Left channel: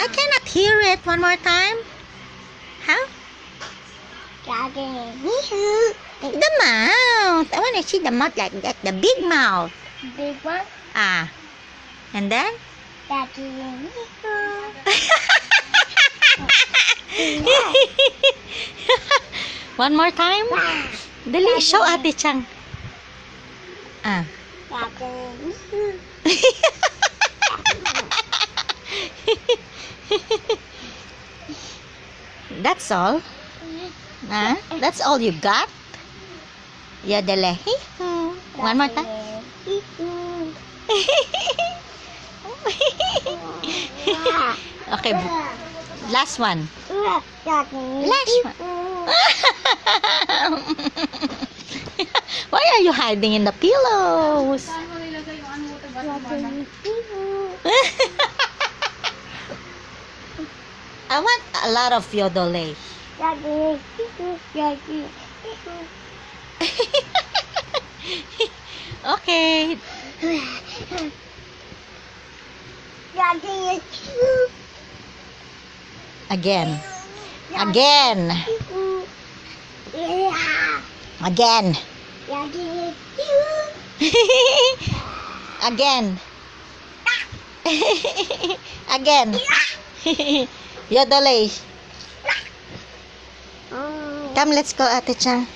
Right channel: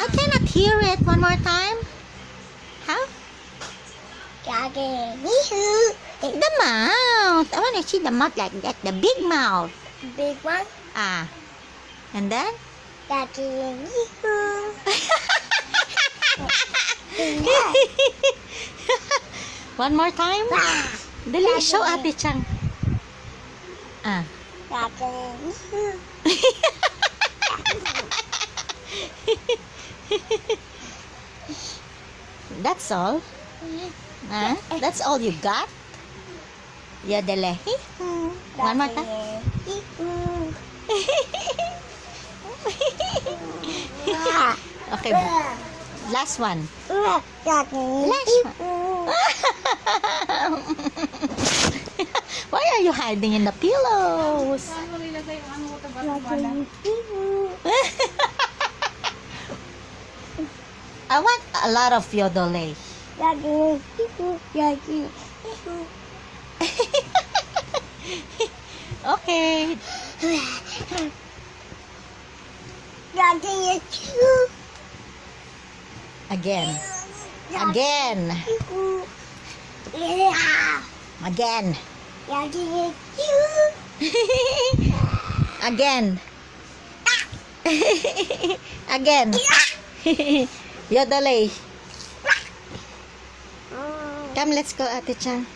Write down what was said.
I cannot hear it. One more time. How? The mouth. I want to see the mouth like that. The big mouth. Big one. Ah. And then? One more time. Dali, show Ate Chang. Ah. That's all. Huh? That's all you got? Yodele. One more time. Okay. Last one. Last one. Why are you hiding in the pillows? I want a lot of yodole. Okay. Again. Again. Again. Again. Again. Yodole. Come, let's go, Ate Chang.